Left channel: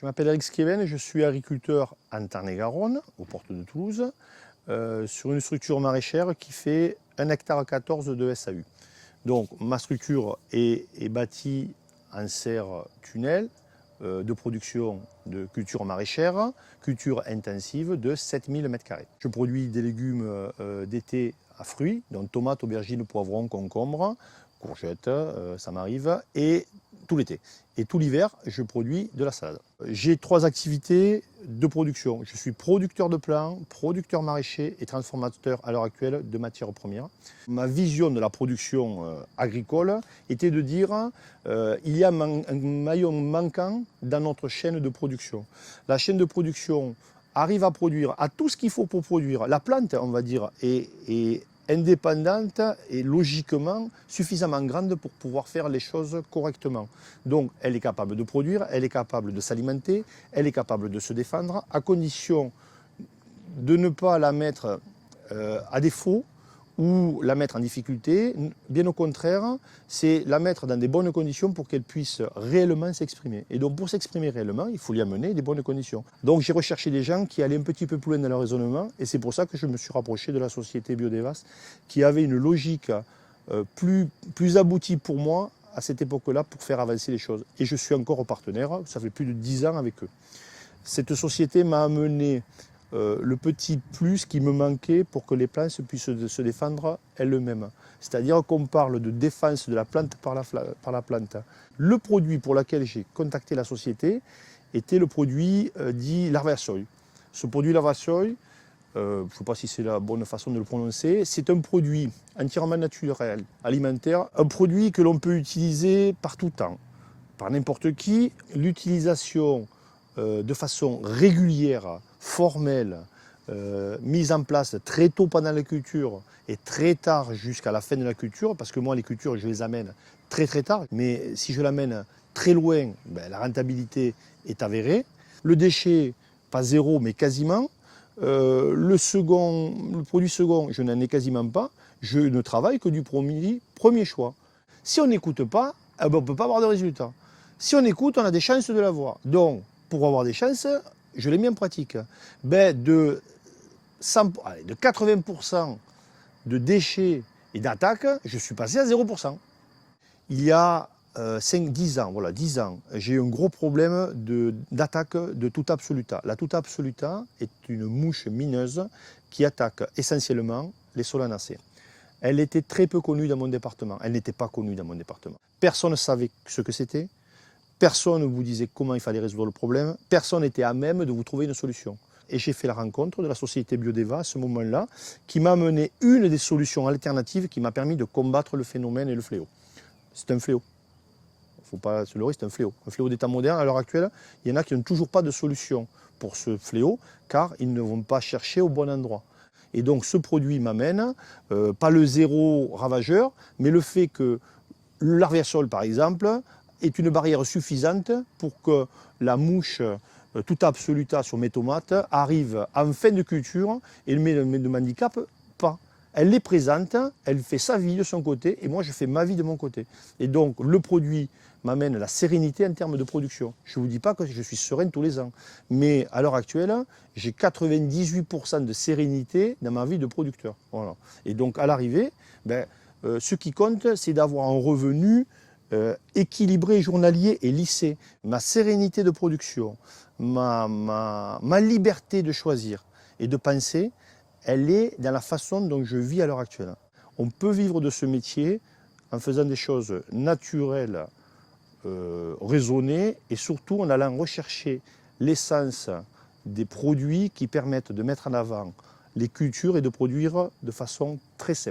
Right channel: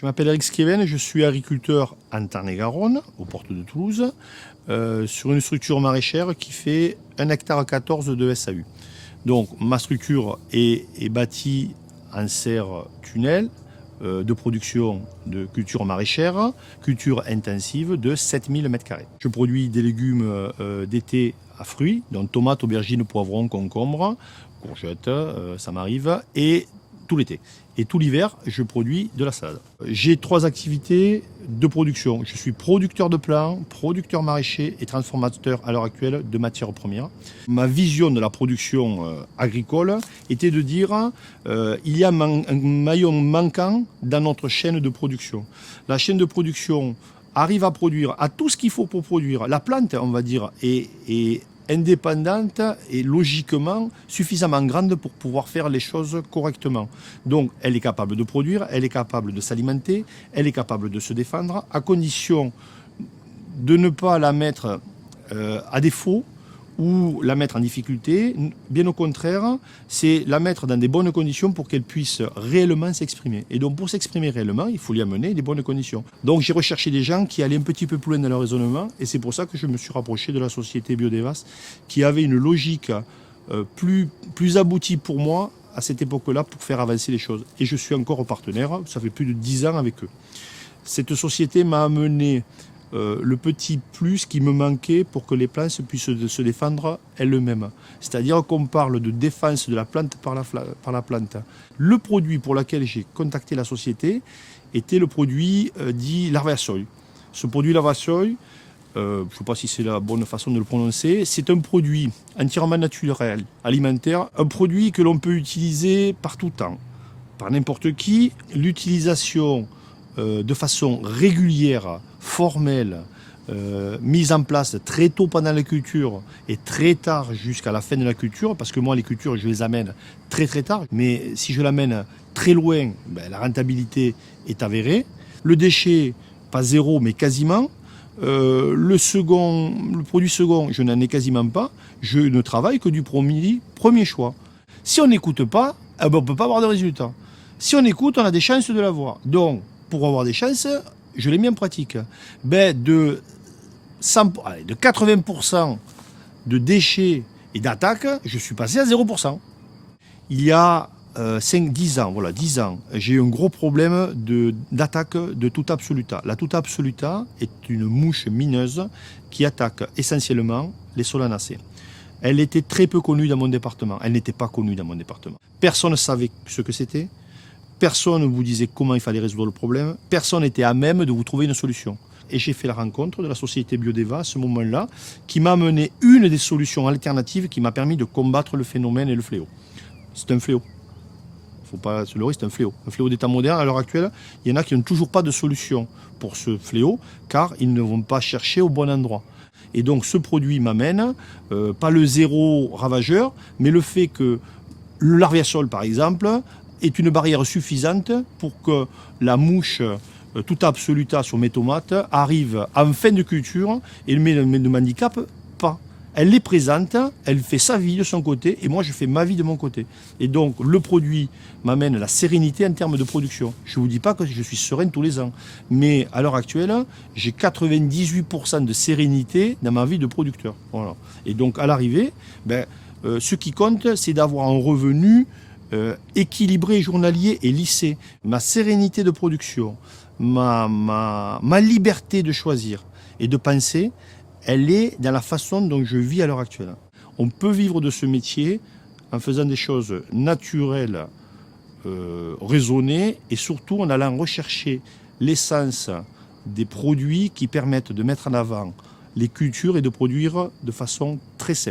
Je m'appelle Eric Skeven, je suis agriculteur en Tarn-et-Garonne, aux portes de Toulouse, sur une structure maraîchère qui fait 1,14 hectare de SAU. Donc ma structure est bâtie en serre tunnel de production de culture maraîchère, culture intensive de 7000 m². Je produis des légumes d'été à fruits, donc tomates, aubergines, poivrons, concombres, courgettes, ça m'arrive, et tout l'été. Et tout l'hiver, je produis de la salade. J'ai 3 activités de production. Je suis producteur de plants, producteur maraîcher et transformateur à l'heure actuelle de matières premières. Ma vision de la production agricole était de dire il y a un maillon manquant dans notre chaîne de production. La chaîne de production arrive à produire à tout ce qu'il faut pour produire. La plante, on va dire, est indépendante et logiquement suffisamment grande pour pouvoir faire les choses correctement. Donc elle est capable de produire, elle est capable de s'alimenter, elle est capable de se défendre, à condition de ne pas la mettre à défaut ou la mettre en difficulté. Bien au contraire, c'est la mettre dans des bonnes conditions pour qu'elle puisse réellement s'exprimer. Et donc pour s'exprimer réellement, il faut lui amener des bonnes conditions. Donc j'ai recherché des gens qui allaient un petit peu plus loin dans leur raisonnement, et c'est pour ça que je me suis rapproché de la société Biodevas, qui avait une logique plus aboutie pour moi à cette époque-là pour faire avancer les choses. Et je suis encore partenaire, ça fait plus de 10 ans avec eux. Cette société m'a amené le petit plus qui me manquait pour que les plantes puissent se défendre elles-mêmes. C'est-à-dire qu'on parle de défense de la plante par la plante. Le produit pour lequel j'ai contacté la société était le produit dit Larvasoil. Ce produit Larvasoil, je ne sais pas si c'est la bonne façon de le prononcer, c'est un produit entièrement naturel, alimentaire, un produit que l'on peut utiliser par tout temps, par n'importe qui. L'utilisation de façon régulière, formelle, mise en place très tôt pendant la culture et très tard jusqu'à la fin de la culture, parce que moi les cultures je les amène très tard, mais si je l'amène très loin, ben, la rentabilité est avérée. Le déchet, pas zéro mais quasiment. Le produit second, je n'en ai quasiment pas. Je ne travaille que du premier choix. Si on n'écoute pas, on ne peut pas avoir de résultat. Si on écoute, on a des chances de l'avoir. Donc, pour avoir des chances, je l'ai mis en pratique. Ben, de 80% de déchets et d'attaques, je suis passé à 0%. Il y a 10 ans, voilà, 10 ans, j'ai eu un gros problème d'attaque de Tuta absoluta. La Tuta absoluta est une mouche mineuse qui attaque essentiellement les solanacées. Elle était très peu connue dans mon département. Elle n'était pas connue dans mon département. Personne ne savait ce que c'était. Personne ne vous disait comment il fallait résoudre le problème. Personne n'était à même de vous trouver une solution. Et j'ai fait la rencontre de la société Biodeva à ce moment-là, qui m'a amené une des solutions alternatives qui m'a permis de combattre le phénomène et le fléau. C'est un fléau. Il ne faut pas se leurrer, c'est un fléau. Un fléau d'état moderne, à l'heure actuelle, il y en a qui n'ont toujours pas de solution pour ce fléau, car ils ne vont pas chercher au bon endroit. Et donc ce produit m'amène, pas le zéro ravageur, mais le fait que le larviasol, par exemple, est une barrière suffisante pour que la mouche Tuta absoluta sur mes tomates arrive en fin de culture et ne m'handicape pas. Elle est présente, elle fait sa vie de son côté et moi je fais ma vie de mon côté. Et donc le produit m'amène la sérénité en termes de production. Je ne vous dis pas que je suis serein tous les ans, mais à l'heure actuelle, j'ai 98% de sérénité dans ma vie de producteur. Voilà. Et donc à l'arrivée, ce qui compte, c'est d'avoir un revenu équilibré, journalier et lissé. Ma sérénité de production, ma liberté de choisir et de penser, elle est dans la façon dont je vis à l'heure actuelle. On peut vivre de ce métier en faisant des choses naturelles, raisonnées, et surtout en allant rechercher l'essence des produits qui permettent de mettre en avant les cultures et de produire de façon très simple.